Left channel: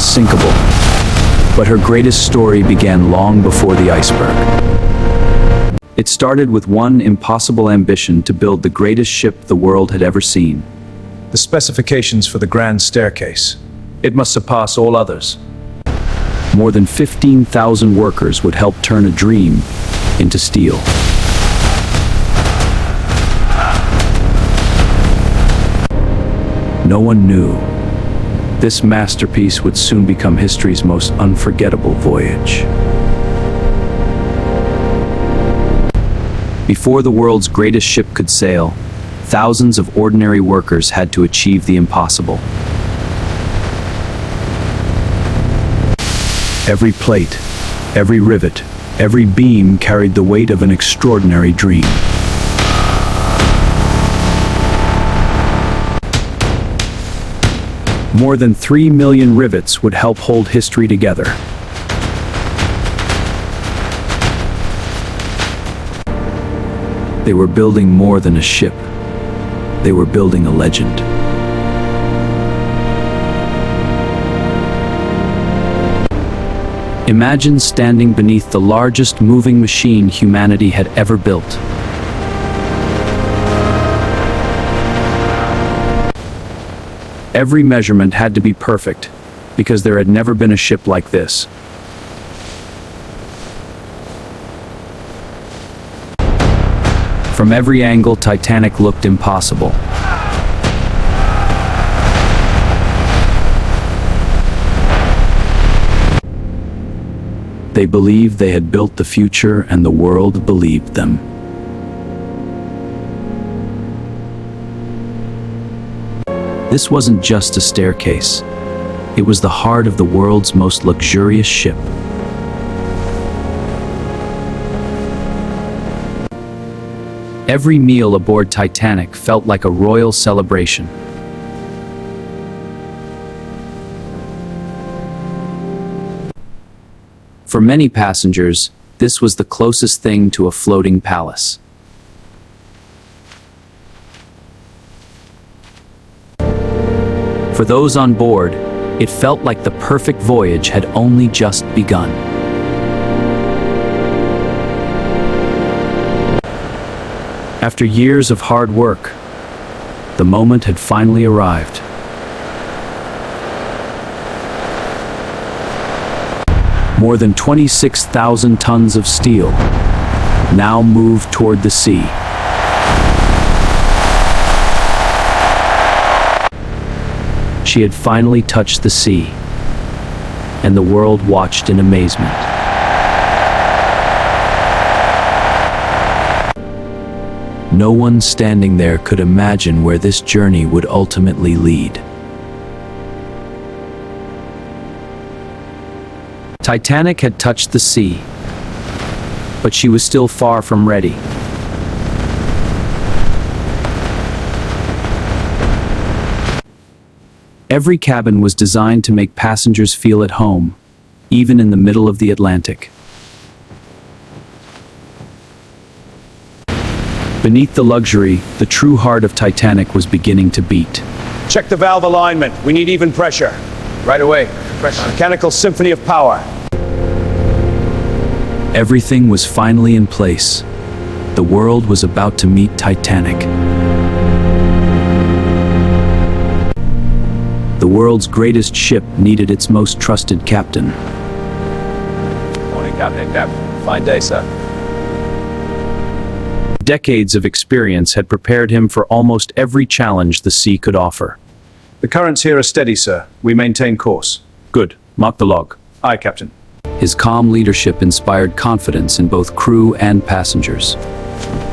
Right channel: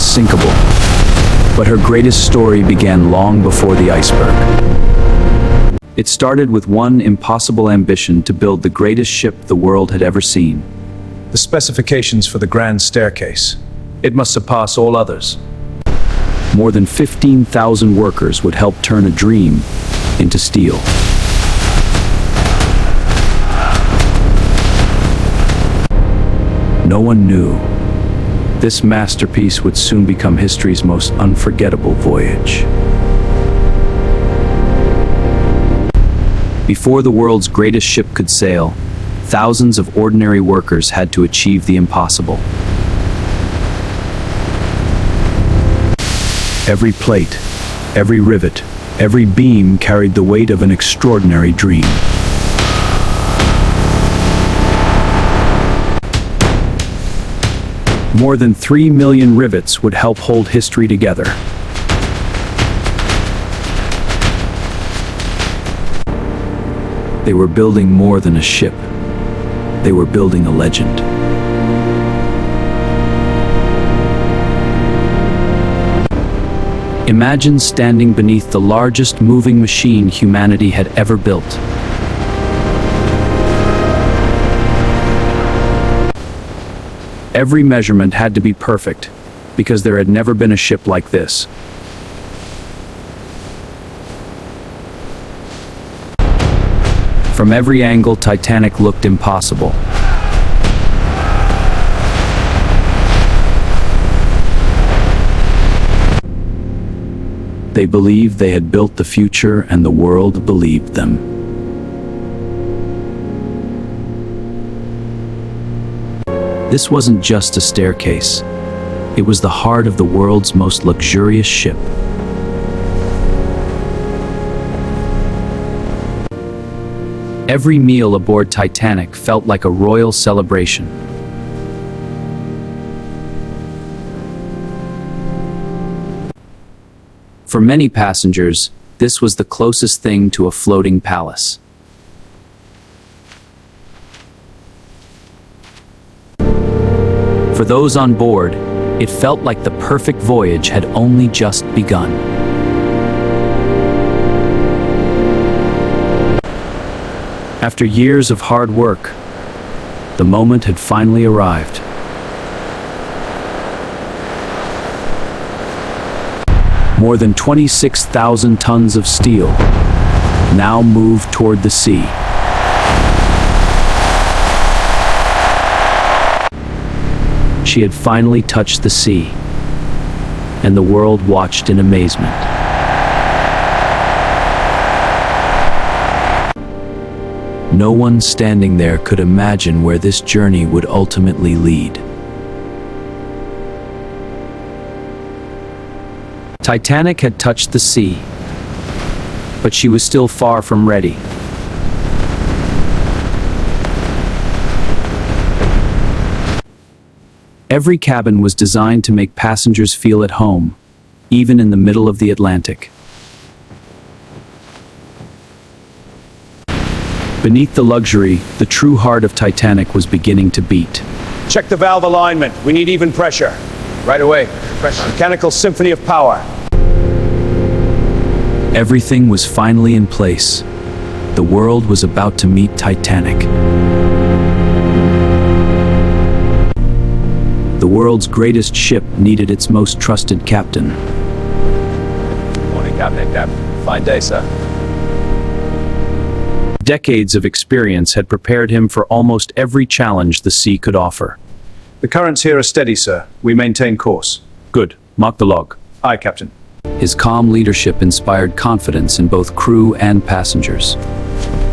unsinkable. But her greatest story began long before the iceberg. It started with one impossible ambition to build the greatest ship the world had ever seen. The specifications for the grand staircase. It must surpass all others. More than 15,000 workers would help turn a dream into steel. No one knew this masterpiece would soon become history's most unforgettable voyage. Before the world's greatest ship could sail, thousands of ordinary workers had to achieve the impossible. Every plate, every rivet, every beam carried the weight of an extraordinary dream. More than 3 million rivets would help hold history together. They were building more than a ship. They were building a legend. Imagine standing beneath the largest moving machine humanity had ever built. Every measurement had to be perfect, because there had never been a ship like this. From every angle, Titanic looked impossible. They believed they had built the future, and the world believed them. This wasn't just a staircase. It was the heart of the world's most luxurious ship. Every meal aboard Titanic felt like a royal celebration. For many passengers, this was the closest thing to a floating palace. For those on board, it felt like the perfect voyage had only just begun. After years of hard work, the moment had finally arrived. More than 26,000 tons of steel now moved toward the sea. She had finally touched the sea, and the world watched in amazement. No one standing there could imagine where this journey would ultimately lead. Titanic had touched the sea, but she was still far from ready. Every cabin was designed to make passengers feel at home, even in the middle of the Atlantic. Beneath the luxury, the true heart of Titanic was beginning to beat. Check the valve alignment. We need even pressure. Right away. Mechanical symphony of power. Everything was finally in place. The world was about to meet Titanic. The world's greatest ship needed its most trusted captain. Morning, Captain. Fine day, sir. Decades of experience had prepared him for almost every challenge the sea could offer. The currents here are steady, sir. We maintain course. Good. Mark the log. Aye, Captain. His calm leadership inspired confidence in both crew and passengers.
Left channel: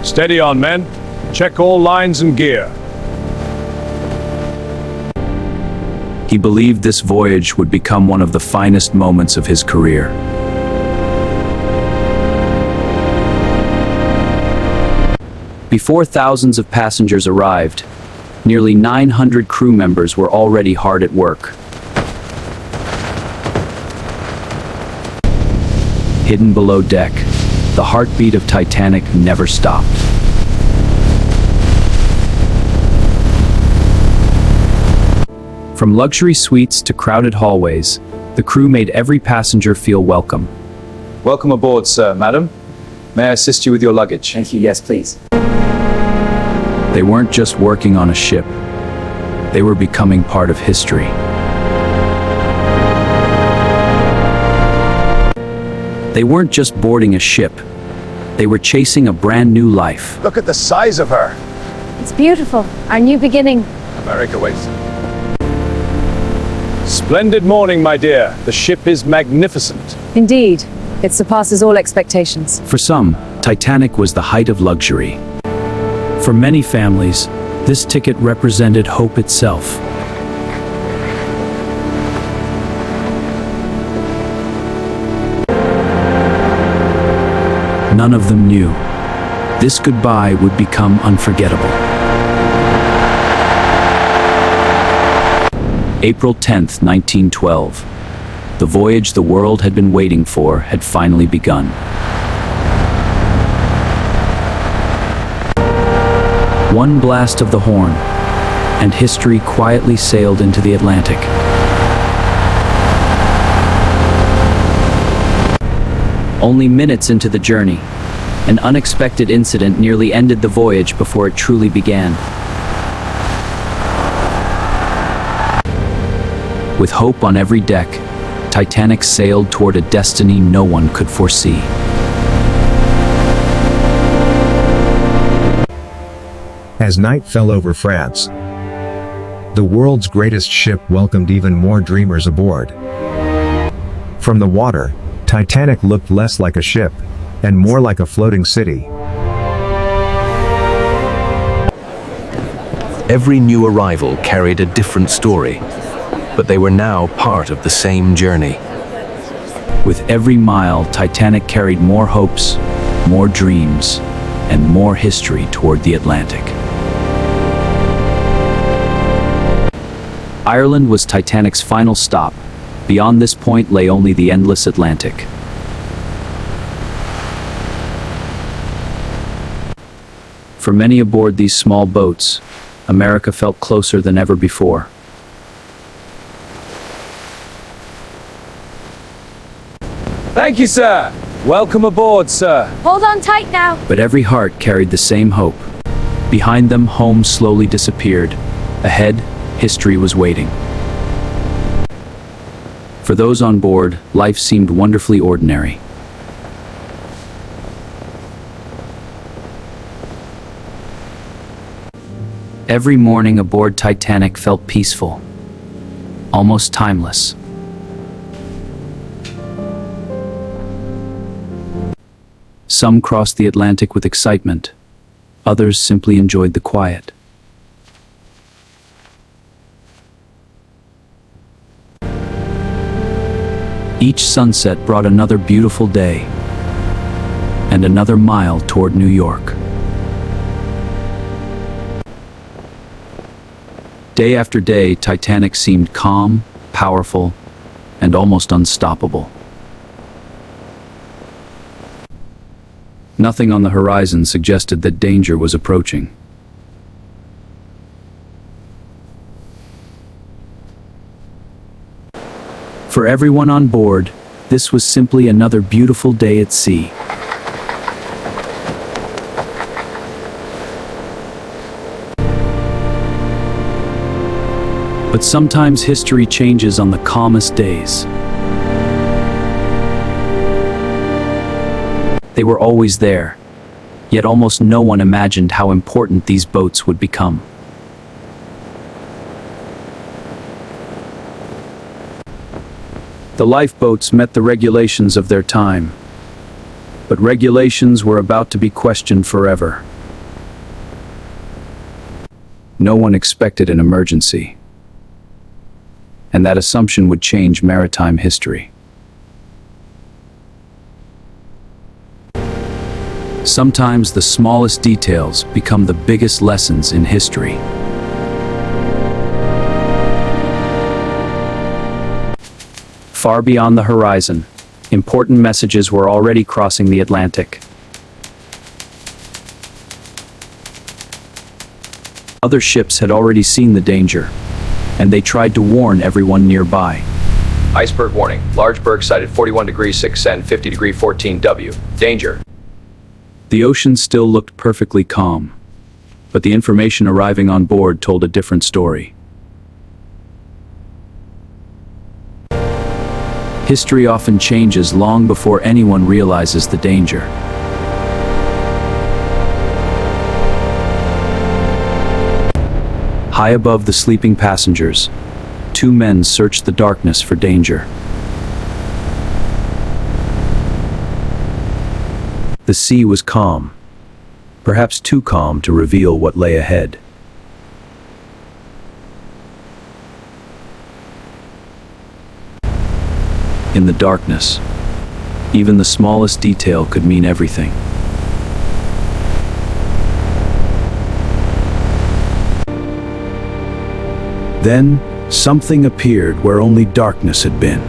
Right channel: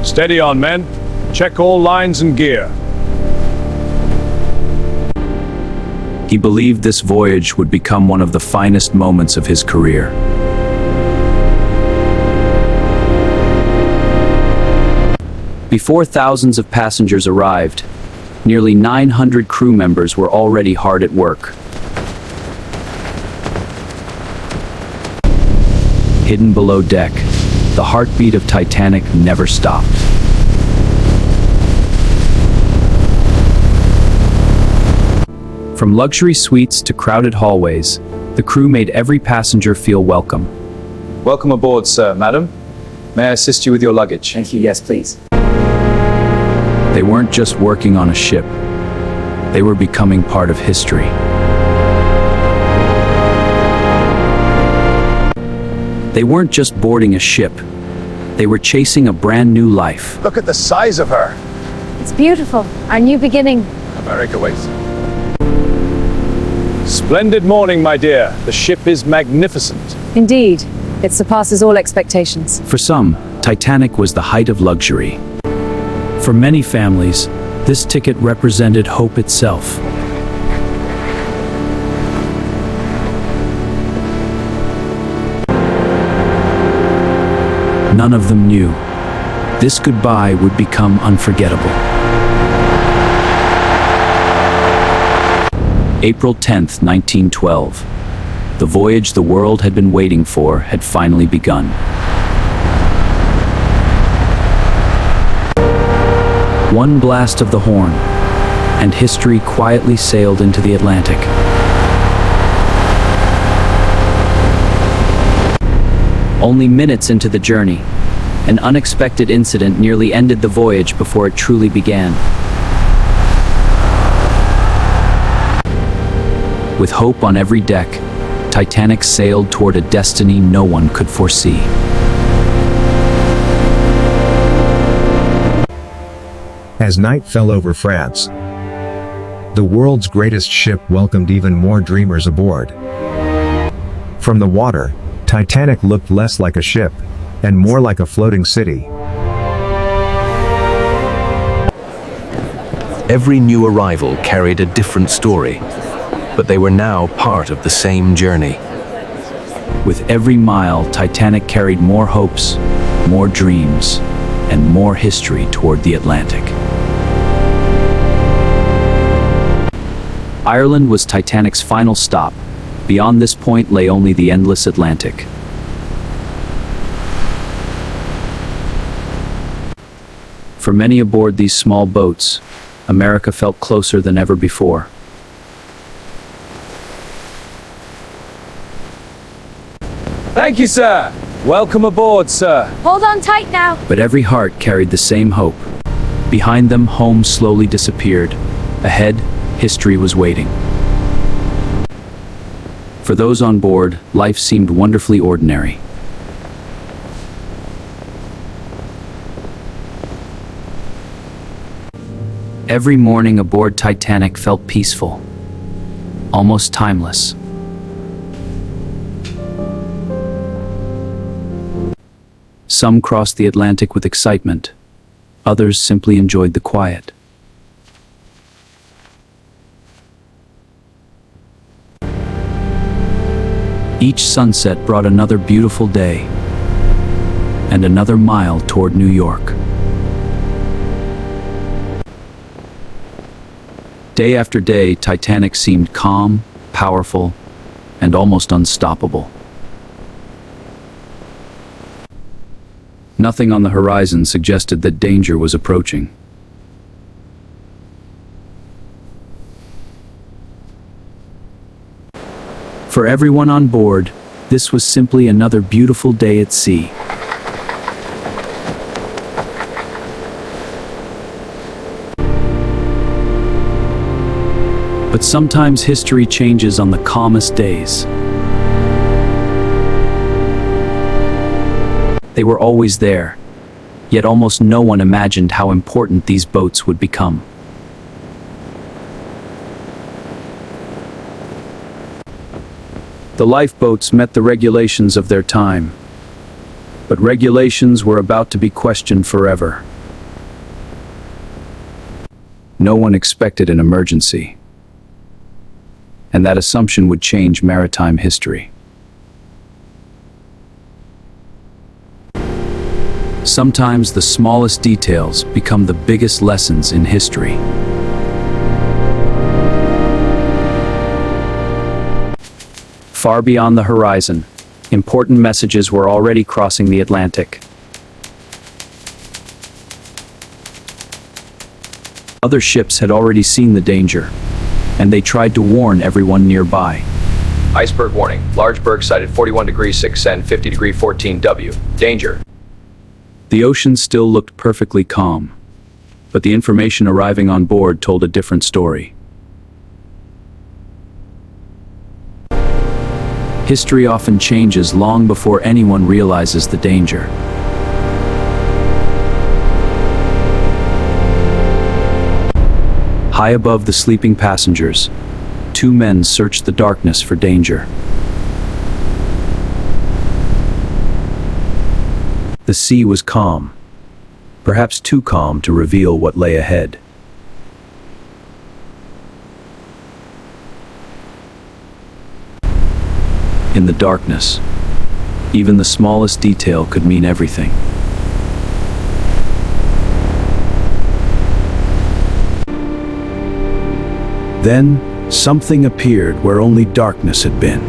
Steady on, men. Check all lines and gear. He believed this voyage would become one of the finest moments of his career. Before thousands of passengers arrived, nearly 900 crew members were already hard at work. Hidden below deck, the heartbeat of Titanic never stopped. From luxury suites to crowded hallways, The crew made every passenger feel welcome. Welcome aboard, sir, madam. May I assist you with your luggage? Thank you, yes, please. They weren't just working on a ship. They were becoming part of history. They weren't just boarding a ship. They were chasing a brand new life. Look at the size of her. It's beautiful. Our new beginning. America waits. Splendid morning, my dear. The ship is magnificent. Indeed. It surpasses all expectations. For some, Titanic was the height of luxury. For many families, this ticket represented hope itself. None of them knew this goodbye would become unforgettable. April 10th, 1912. The voyage the world had been waiting for had finally begun. One blast of the horn, and history quietly sailed into the Atlantic. Only minutes into the journey, an unexpected incident nearly ended the voyage before it truly began. With hope on every deck, Titanic sailed toward a destiny no one could foresee. As night fell over France, the world's greatest ship welcomed even more dreamers aboard. From the water, Titanic looked less like a ship and more like a floating city. Every new arrival carried a different story, but they were now part of the same journey. With every mile, Titanic carried more hopes, more dreams, and more history toward the Atlantic. Ireland was Titanic's final stop. Beyond this point lay only the endless Atlantic. For many aboard these small boats, America felt closer than ever before. Thank you, sir. Welcome aboard, sir. Hold on tight now. But every heart carried the same hope. Behind them, home slowly disappeared. Ahead, history was waiting. For those on board, life seemed wonderfully ordinary. Every morning aboard Titanic felt peaceful, almost timeless. Some crossed the Atlantic with excitement. Others simply enjoyed the quiet. Each sunset brought another beautiful day and another mile toward New York. Day after day, Titanic seemed calm, powerful, and almost unstoppable. Nothing on the horizon suggested that danger was approaching. For everyone on board, this was simply another beautiful day at sea. But sometimes history changes on the calmest days. They were always there, yet almost no one imagined how important these boats would become. The lifeboats met the regulations of their time, but regulations were about to be questioned forever. No one expected an emergency, and that assumption would change maritime history. Sometimes the smallest details become the biggest lessons in history. Far beyond the horizon, important messages were already crossing the Atlantic. Other ships had already seen the danger, and they tried to warn everyone nearby. Iceberg warning. Large berg sighted 41 degrees 6 and 50 degree 14 W. Danger. The ocean still looked perfectly calm, but the information arriving on board told a different story. History often changes long before anyone realizes the danger. High above the sleeping passengers, two men searched the darkness for danger. The sea was calm, perhaps too calm to reveal what lay ahead. In the darkness, even the smallest detail could mean everything. Then, something appeared where only darkness had been.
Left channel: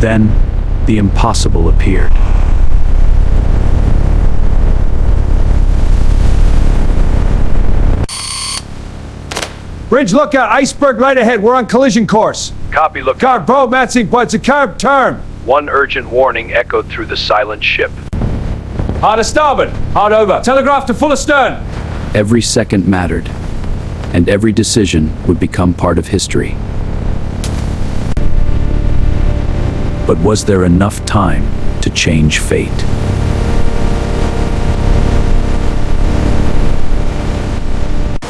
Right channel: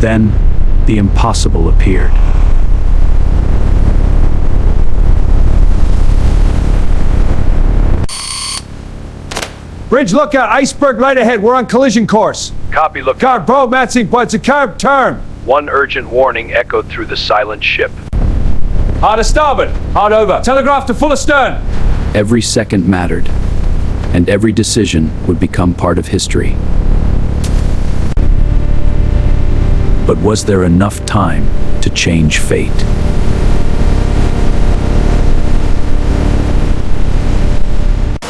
Then, the impossible appeared. Bridge lookout, Iceberg right ahead. We're on collision course. Copy, look. Car, bro, Matsing, but it's a carb turn. One urgent warning echoed through the silent ship. Hard to starboard. Hard over. Telegraph to full astern. Every second mattered, and every decision would become part of history. But was there enough time to change fate?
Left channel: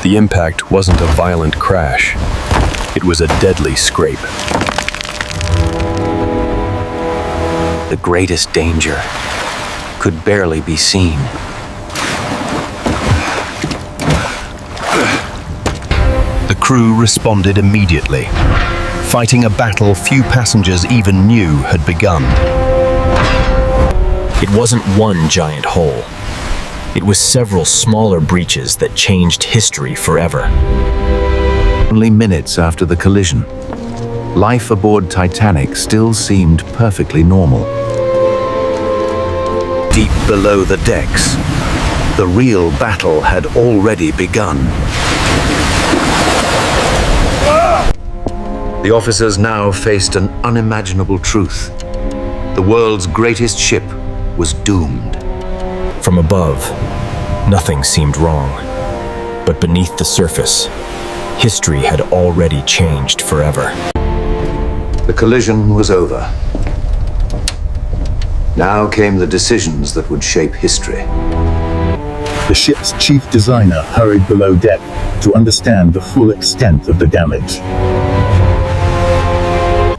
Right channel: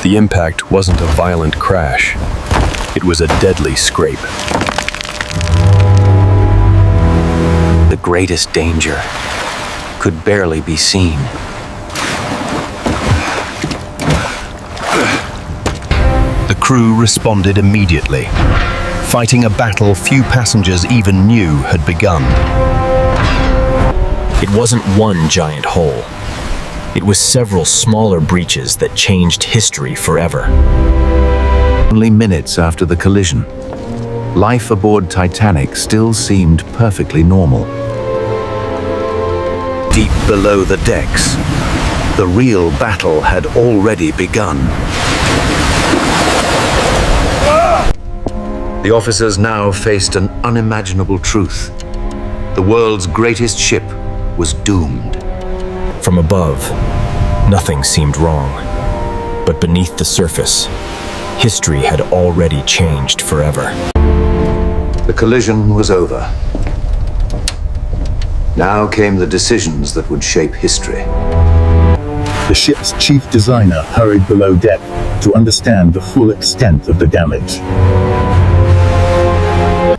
The impact wasn't a violent crash. It was a deadly scrape. The greatest danger could barely be seen. The crew responded immediately, fighting a battle few passengers even knew had begun. It wasn't one giant hole. It was several smaller breaches that changed history forever. Only minutes after the collision, life aboard Titanic still seemed perfectly normal. Deep below the decks, the real battle had already begun. The officers now faced an unimaginable truth. The world's greatest ship was doomed. From above, nothing seemed wrong. But beneath the surface, history had already changed forever. The collision was over. Now came the decisions that would shape history. The ship's chief designer hurried below deck to understand the full extent of the damage.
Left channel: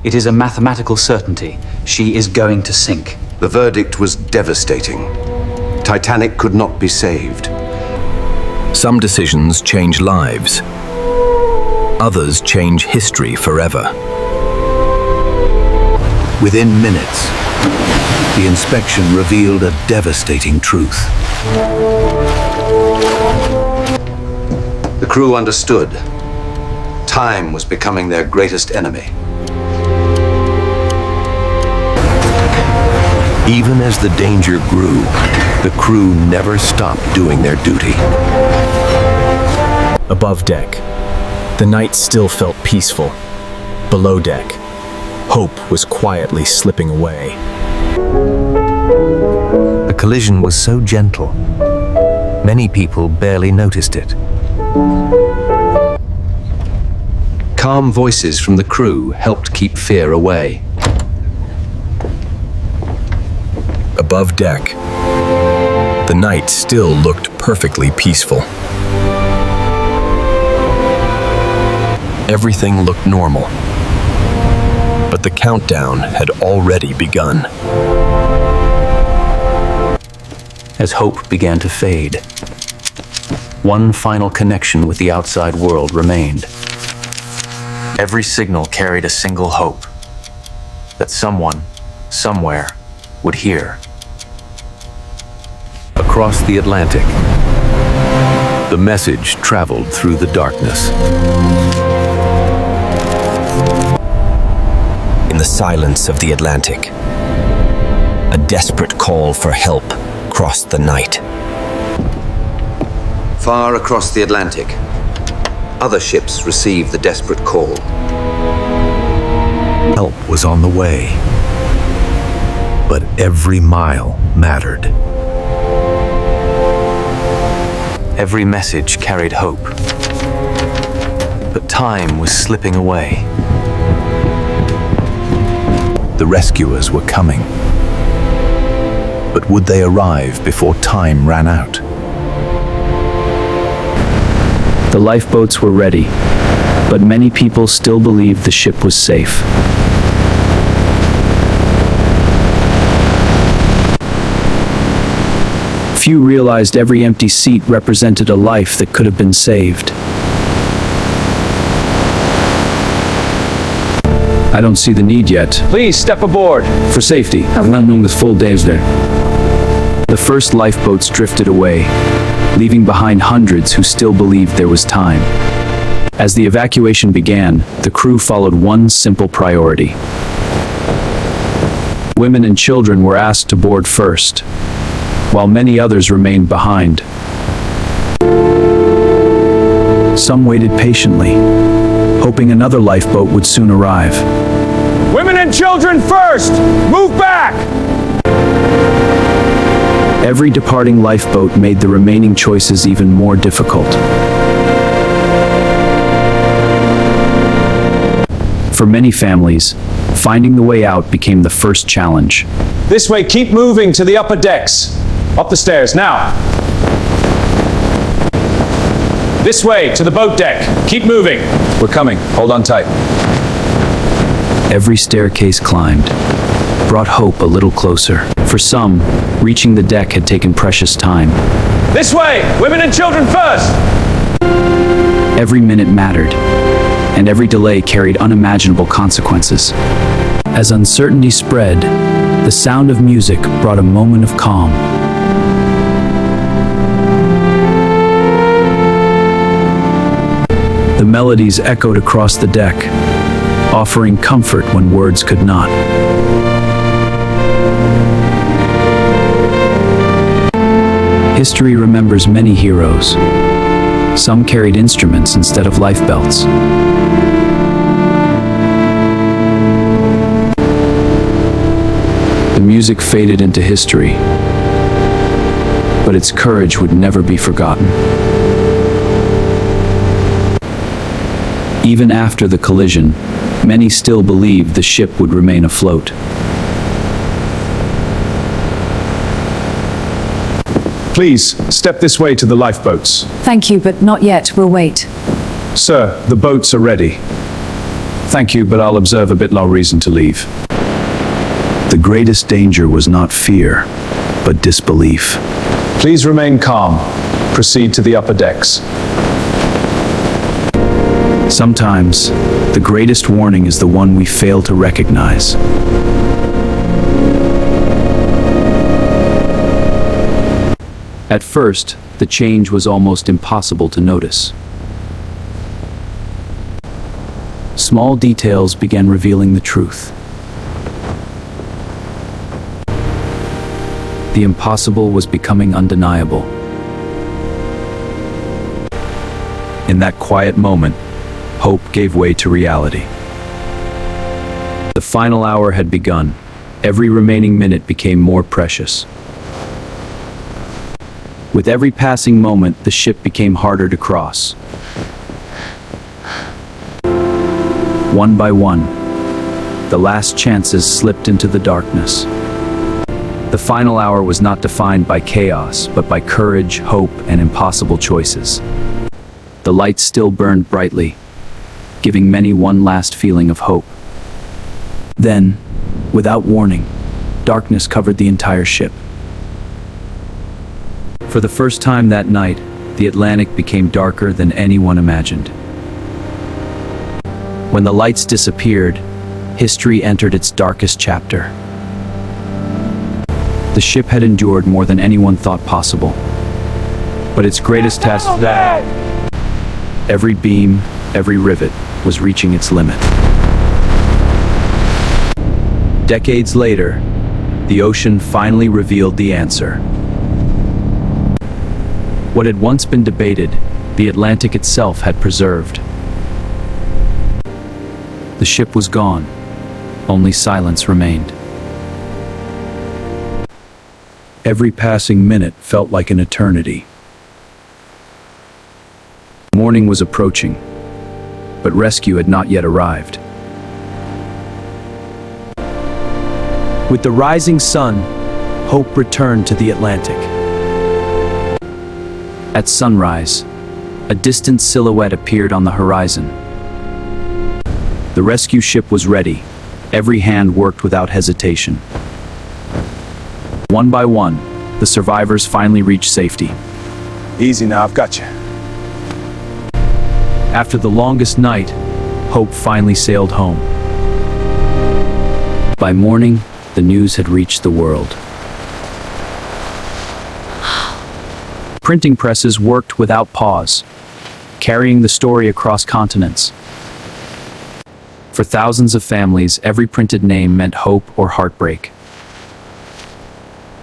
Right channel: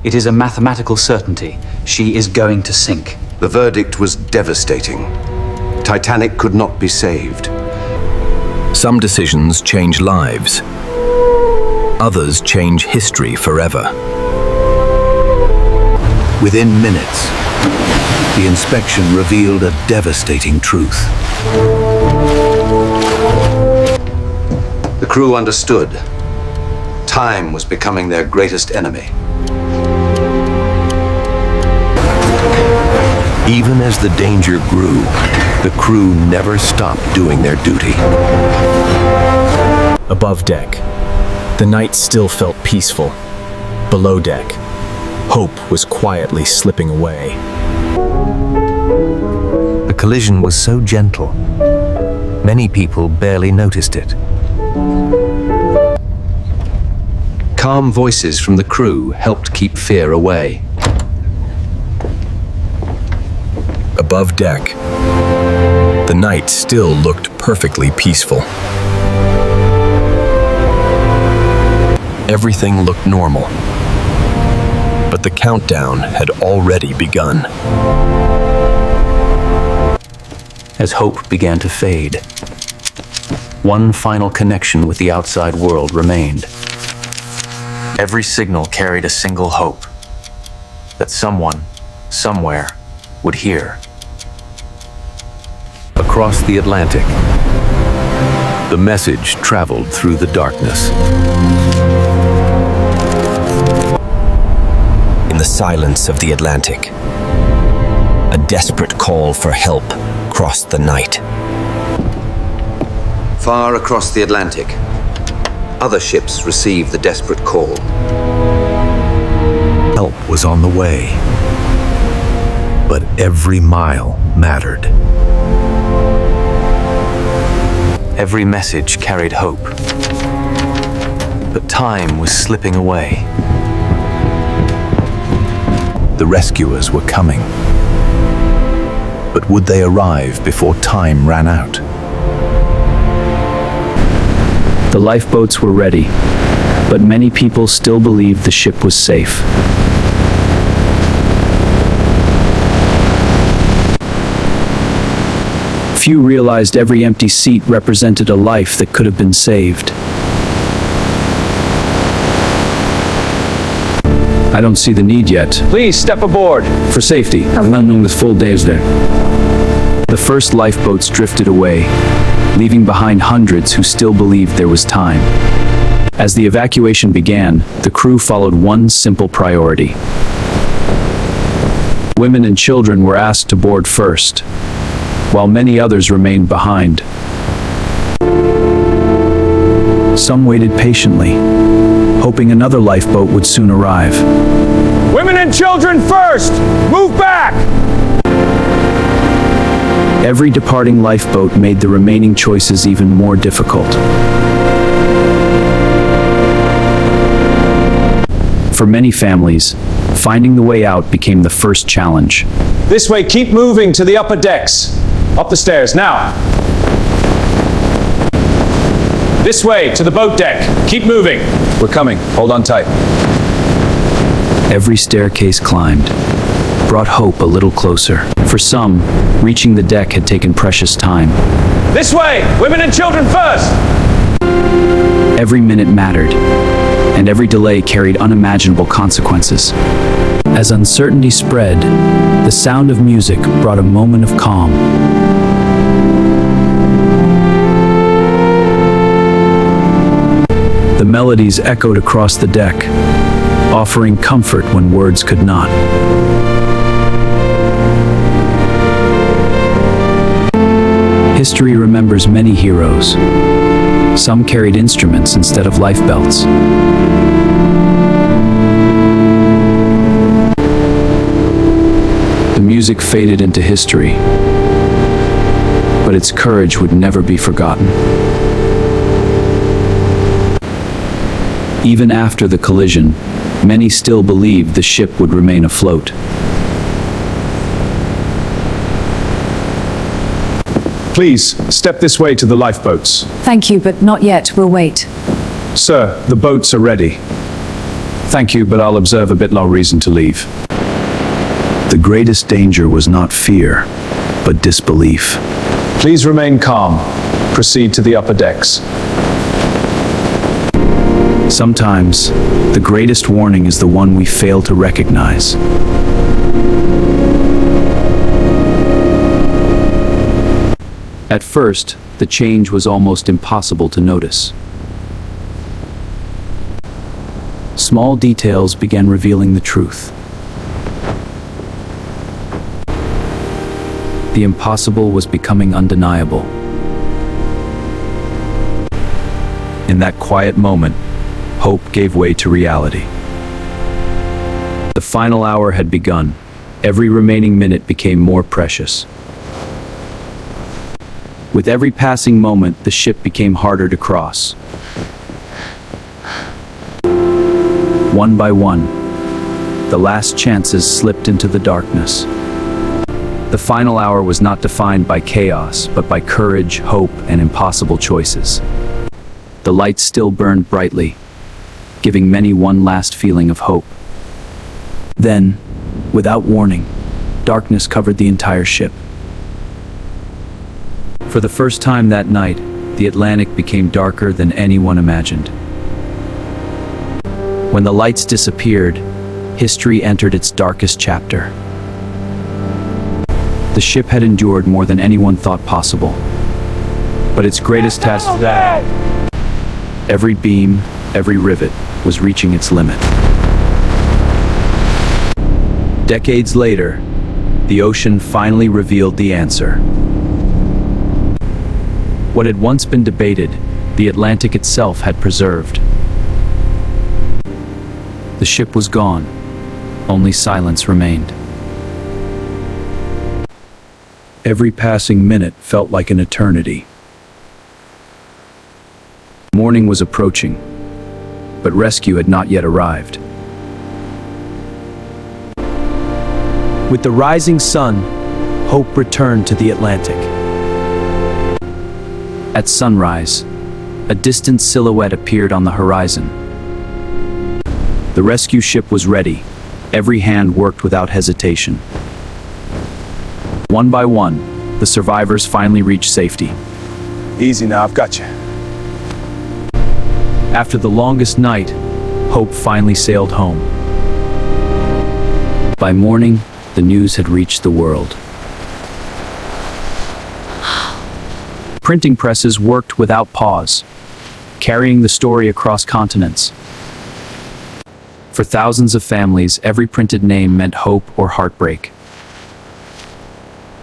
It is a mathematical certainty. She is going to sink. The verdict was devastating. Titanic could not be saved. Some decisions change lives. Others change history forever. Within minutes, the inspection revealed a devastating truth. The crew understood. Time was becoming their greatest enemy. Even as the danger grew, the crew never stopped doing their duty. Above deck, the night still felt peaceful. Below deck, hope was quietly slipping away. The collision was so gentle, many people barely noticed it. Calm voices from the crew helped keep fear away. Above deck, the night still looked perfectly peaceful. Everything looked normal, but the countdown had already begun. As hope began to fade, one final connection with the outside world remained. Every signal carried a single hope that someone, somewhere, would hear. Across the Atlantic, the message traveled through the darkness. In the silence of the Atlantic, a desperate call for help crossed the night. Far across the Atlantic, other ships received the desperate call. Help was on the way, but every mile mattered. Every message carried hope. But time was slipping away. The rescuers were coming. But would they arrive before time ran out? The lifeboats were ready, but many people still believed the ship was safe. Few realized every empty seat represented a life that could have been saved. I don't see the need yet. Please step aboard. For safety, I'm not knowing the full days there. The first lifeboats drifted away, leaving behind hundreds who still believed there was time. As the evacuation began, the crew followed one simple priority. Women and children were asked to board first, while many others remained behind. Some waited patiently, hoping another lifeboat would soon arrive. Women and children first! Move back! Every departing lifeboat made the remaining choices even more difficult. For many families, finding the way out became the first challenge. This way, keep moving to the upper decks. Up the stairs, now. This way, to the boat deck. Keep moving. We're coming. Hold on tight. Every staircase climbed brought hope a little closer. For some, reaching the deck had taken precious time. This way! Women and children first! Every minute mattered, and every delay carried unimaginable consequences. As uncertainty spread, the sound of music brought a moment of calm. The melodies echoed across the deck, offering comfort when words could not. History remembers many heroes. Some carried instruments instead of life belts. The music faded into history, but its courage would never be forgotten. Even after the collision, many still believed the ship would remain afloat. Please, step this way to the lifeboats. Thank you, but not yet. We'll wait. Sir, the boats are ready. Thank you, but I'll observe a bit no reason to leave. The greatest danger was not fear, but disbelief. Please remain calm. Proceed to the upper decks. Sometimes, the greatest warning is the one we fail to recognize. At first, the change was almost impossible to notice. Small details began revealing the truth. The impossible was becoming undeniable. In that quiet moment, hope gave way to reality. The final hour had begun. Every remaining minute became more precious. With every passing moment, the ship became harder to cross. One by one, the last chances slipped into the darkness. The final hour was not defined by chaos, but by courage, hope, and impossible choices. The lights still burned brightly, giving many one last feeling of hope. Then, without warning, darkness covered the entire ship. For the first time that night, the Atlantic became darker than anyone imagined. When the lights disappeared, history entered its darkest chapter. The ship had endured more than anyone thought possible. But its greatest test, every beam, every rivet, was reaching its limit. Decades later, the ocean finally revealed the answer. What had once been debated, the Atlantic itself had preserved. The ship was gone. Only silence remained. Every passing minute felt like an eternity. Morning was approaching, but rescue had not yet arrived. With the rising sun, hope returned to the Atlantic. At sunrise, a distant silhouette appeared on the horizon. The rescue ship was ready. Every hand worked without hesitation. One by one, the survivors finally reached safety. Easy now, I've got you. After the longest night, hope finally sailed home. By morning, the news had reached the world. Printing presses worked without pause, carrying the story across continents. For thousands of families, every printed name meant hope or heartbreak.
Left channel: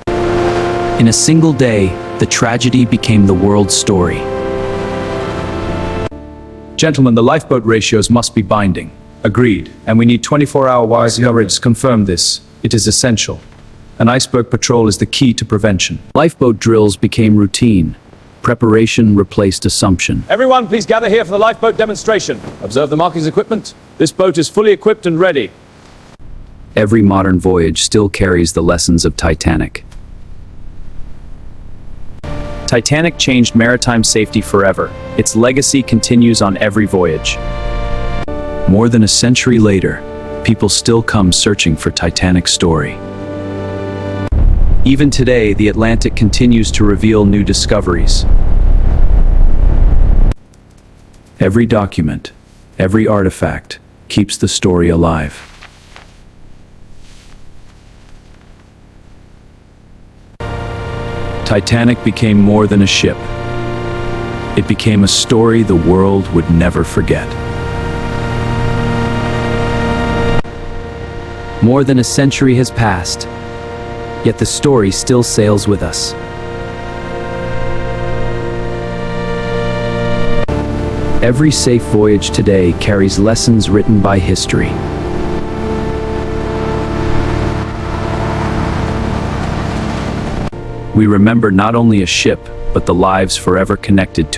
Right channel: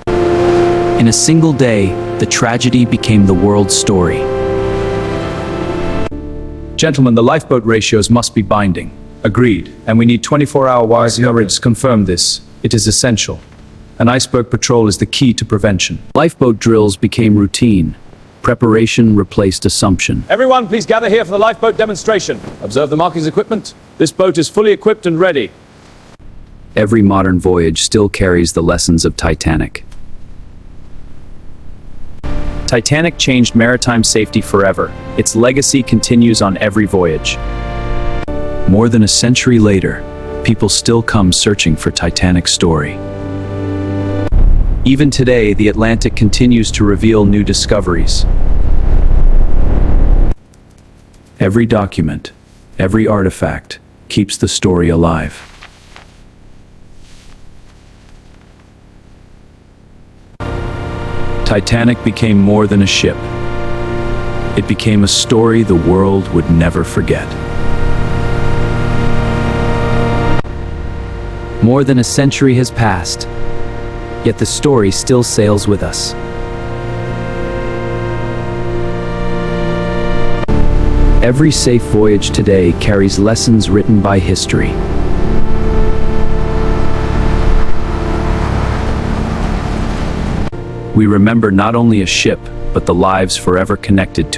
In a single day, the tragedy became the world's story. Gentlemen, the lifeboat ratios must be binding. Agreed. And we need 24-hour wise coverage. Confirm this. It is essential. An iceberg patrol is the key to prevention. Lifeboat drills became routine. Preparation replaced assumption. Everyone, please gather here for the lifeboat demonstration. Observe the markings equipment. This boat is fully equipped and ready. Every modern voyage still carries the lessons of Titanic. Titanic changed maritime safety forever. Its legacy continues on every voyage. More than a century later, people still come searching for Titanic's story. Even today, the Atlantic continues to reveal new discoveries. Every document, every artifact, keeps the story alive. Titanic became more than a ship. It became a story the world would never forget. More than a century has passed, yet the story still sails with us. Every safe voyage today carries lessons written by history. We remember not only a ship, but the lives forever connected to